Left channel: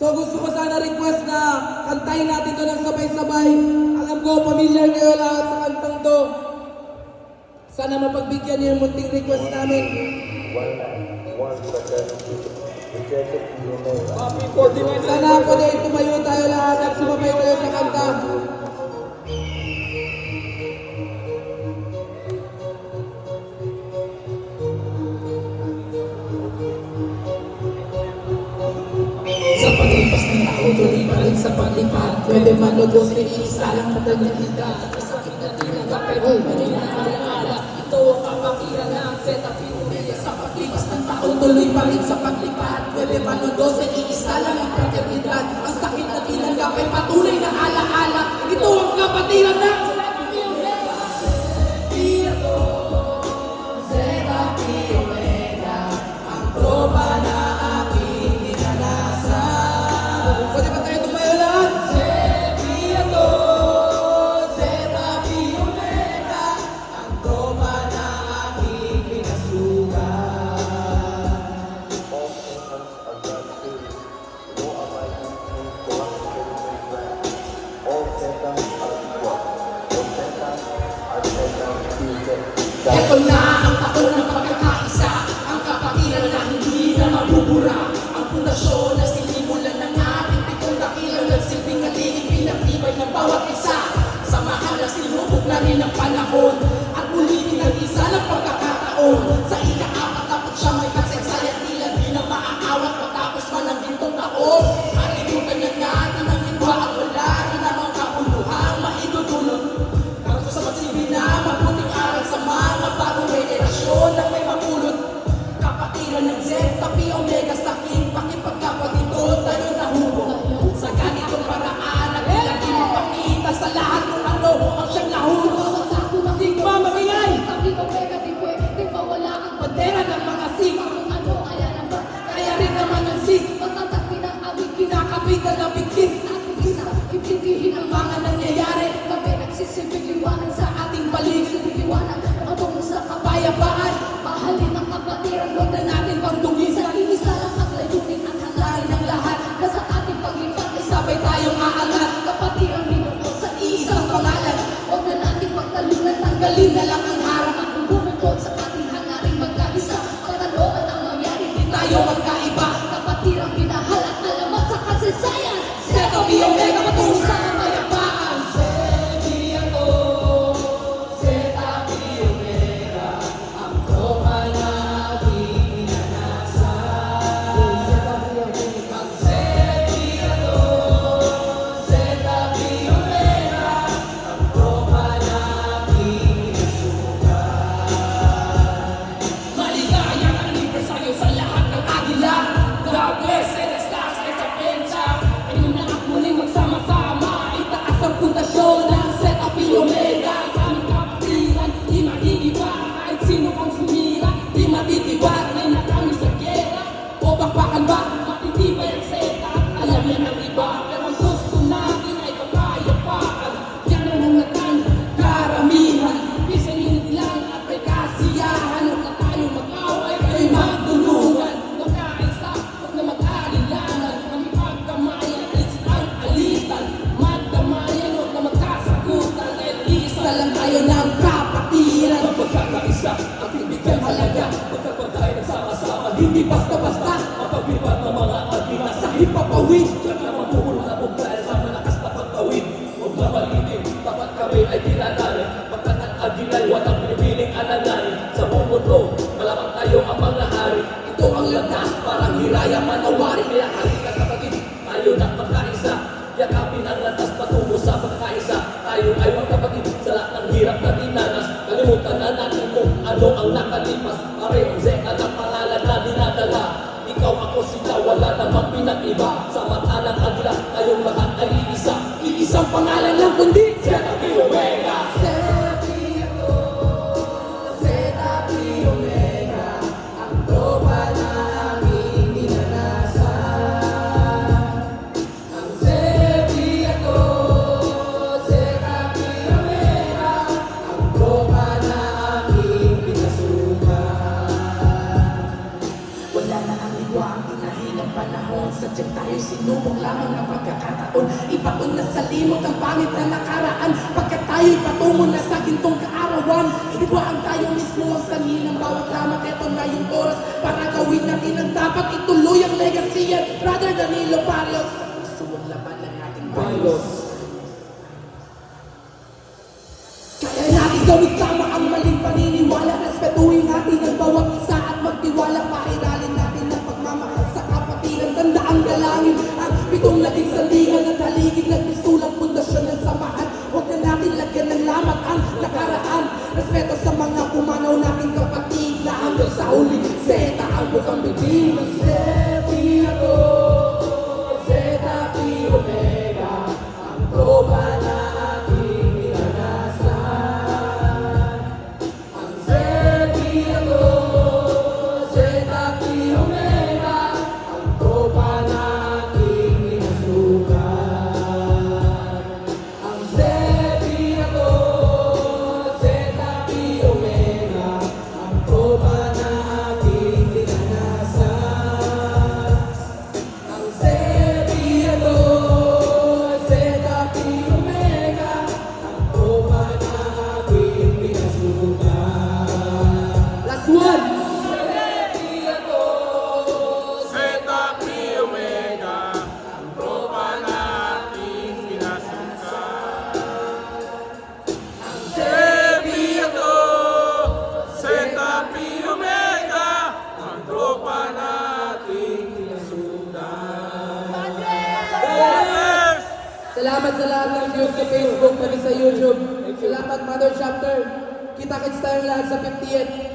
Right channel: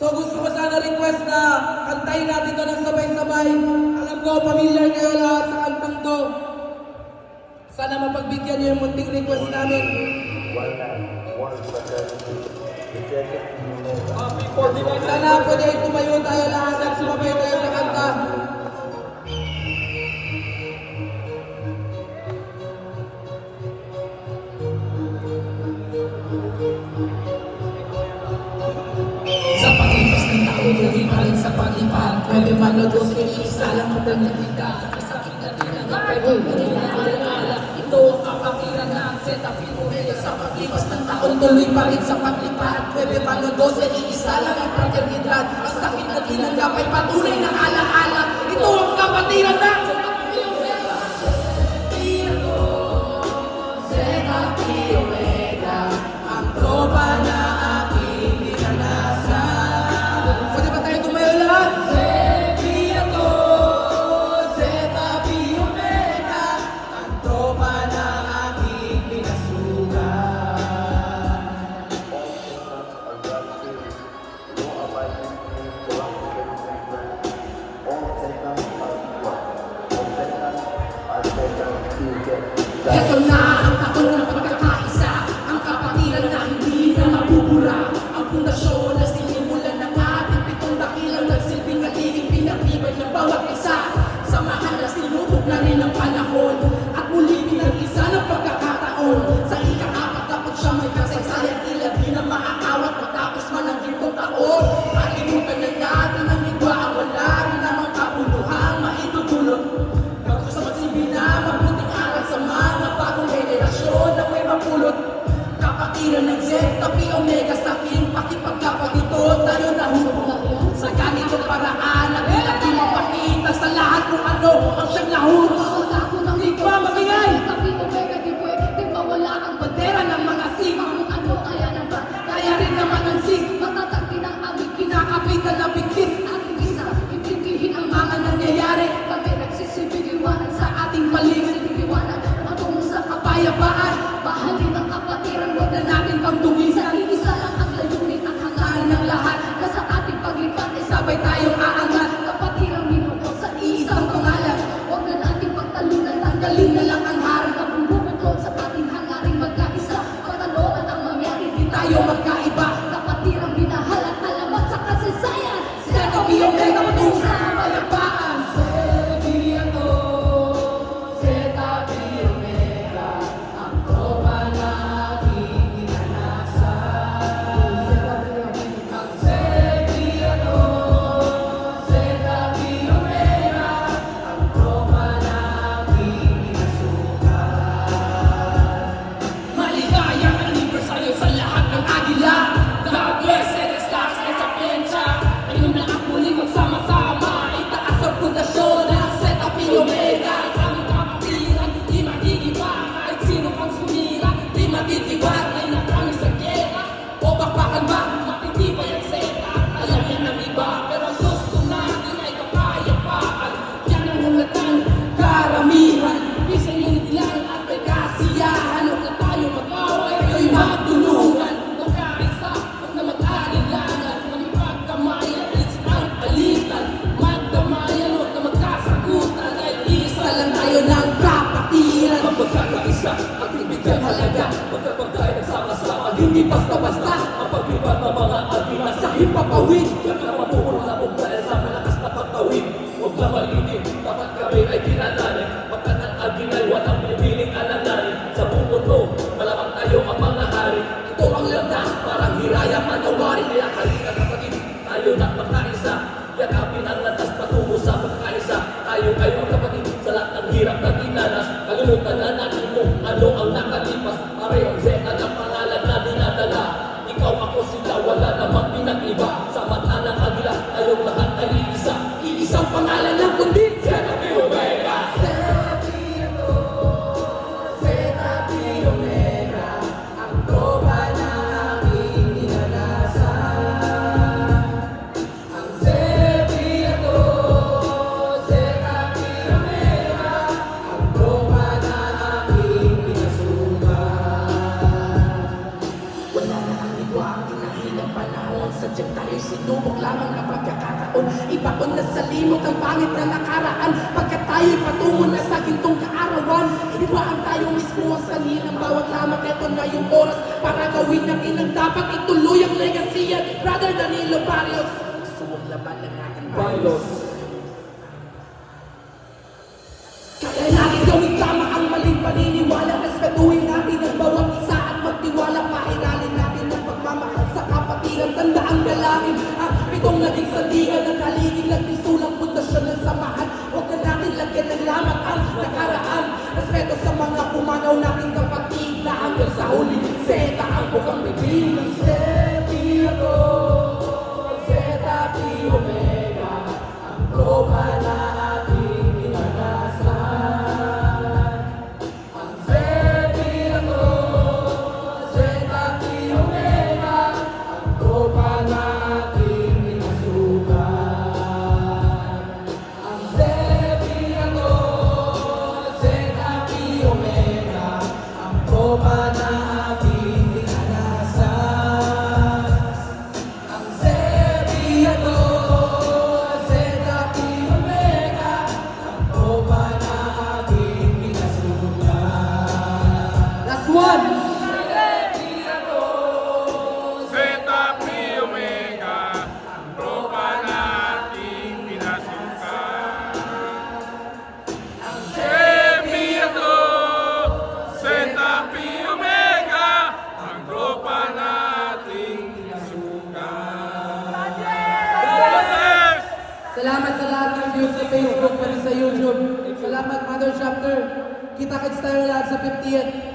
So gusto ko sana request na kantayin natin to ng sabay-sabay. Alam ko, familiar kayo lahat sa kantang to. Sana mapagbigyan niyo yung munting request namin. Sana po din tumayo tayo lahat at sumabay tayo sa kanta. Sa pag-ibas ng tao, tuloy pa rin sa paglipat. Pwede manogos, isa lang kapag nakita. Sakit na tinanggap, pero hindi na alala. Ito ang kapatiran na set up pinuraya. Sa pag-ibas ng tao, tuloy pa rin sa paglipat. Pwede manogos, isa lang ang paternidad. Ang sakit na tinanggap ay patuloy na alaala. Ito ang kapatiran na ito na ang taon ng pagkakaisa, ang kapatiran na hindi na mabubura, ang pundasyon na sinimulan ng ating pitong dakilang nagsilbing ating pinagtibay ng bawat isa. Samahan na sinubok na rin ang panahon at muli pinag-isa ng pagkakataon. Sa ika-apat dapat siya may kasaysayan, tila di na maaawat matapos man ang gintong taon. Malimutan na natin ang lingwa at wala rin namang kabuluhan maitutulog. Bago sa magsilbi na mabuting aral sa mga bagong generasyon na may mapulot. Kapatiran ng Zeta, Pi, Omega, sa akin, pakipagkapatid tayo na hubog. Sa ganitong paraan, nagila din ang pakita sa lahat kung ano ang siyang nahulog. Di ba makiyay? Di ba wala ang bandera ng mga sig? Kaya rin naman ang sig. Kinakapitan ang bigtis. Ibigin ang mga nangyayari. Sa ating paligid. Sa kapayapaan. Mahalin ang kapatiran. Huwag na natin pang dumisa. Isa lang ang layunin ang hangarin ng lahat. Basta ating paglipat ay sabay tayong aangat. Kapatiran minuto sa isang pangalan. Huwag na natin pagtalunan. Tanggalin na lang ang harap. Ang bumukod sa ating hangarin magkaisa. Pagkaloan ang mangyari. Di tayo magkaiba. Kapatiran binahal at alamat sa kasaysayan. Set up yung mega patungo sa kapayapaan. Maligayang anibersaryo sa lahat ng agila. God bless and stars and sa pensya. Ayun na at muli magsama-sama. Itaas ang pundasyon ng Set Up Omega. Aming kapatiran, di magigiba. Kahit sino ang sumira, di matitiwag. Ay na kami sa gera. O bapakan ba, matitibay ang Zeta. Alam yan ng iba, pero gusto natin ay kapayapaan. Yan ang hangatang karamihan. Isang unit lang at may kasiyahan. Huwag na tayo mag-away, ay magtulungan. Magkaisa, huwag na mag-alilangan. Ang pagkamayan, it's ang alitan. Magdamayan, huwag na magkasagutan. Ay isa lang tayo ng kapatiran. Magkakaisa, magbibigyan halaga. Magkapagay nagsama-sama, hindi basta-basta. Mapagbibag ng mga agima sa hipapawid. Diyan ka mamuhulabog dahil sa malakas na pagtawid. Huwag na malinip, tapat kami ay dinadalan. Pagkanang agilay, walang pinipiling alalarin. Sa buong mundo, malaman tayo ang mga hari. Ito ang landas, parang hiraya manawari. Kaya halika kapatid, tayo na magkaisa. Yakapin ang landas patungo sa pagkaisa. Tayo ay magkapatid sa lahat ng hirap na dinanas. Kalimutan na natin kung ano ang nakalipas. Parehong Zeta ng pangalan na dinadala. Ikaw ako sila, wala namang pinag-iba. Sa mata ng agila, tayong lahat ay iisa. Iisang pangalan lang kundi Zeta Pi Omega. Zeta Pi Omega, ang tropa na aming dinanasan. sadyang tayo'y sinubok lamang na pagkakataon. Ibaon na sa limot ang pangit na nakaraan. Pagkat tayo'y patungo na sa gintong kaarawan, ibaan tayo mismo ang sanhin ng bawat lamat. Ito na yung oras para gawin natin ang dapat. Ituloy ang legacy at Brother Danilo Barrios. Gusto mong labanan natin Barrios. Kaya natin gawin tama ang maling paniniwala. Respetuhin natin ang bawat isa at magtiwala. Pairalin natin ang pagmamahal sa kapatiran. Tandaan dalangin at pitong naging sandigan at haligig ng tisulang pundasyon ng samahan. Huwag na natin lagyan ng lamat ang nakaraan. Respeto sa mga pumanaw nating kapatid na hanggang sa huli. Zeta ang bukang bibig. Sepi ako, Zeta Pi Omega, ang tropa nating inanasan. Ang Sepi ako, Zeta Pi Omega, ang tropa nating inasukan. Ang Sepi ako, Zeta Pi Omega, ang tropa nating inanasan. Ang Sepi ako, Zeta Pi Omega, ang tropa nating inasukan. Last one! Sepi ako, Zeta Pi Omega, ang tropa nating pinasukan. ang Sepi ako, Zeta Pi Omega, ang tropa nating pinasukan. Yes! Salamat sa lahat ng views sa Facebook, pati sa YouTube. Salamat, Mother Chapter. Kita-kits tayo lahat sa 50th.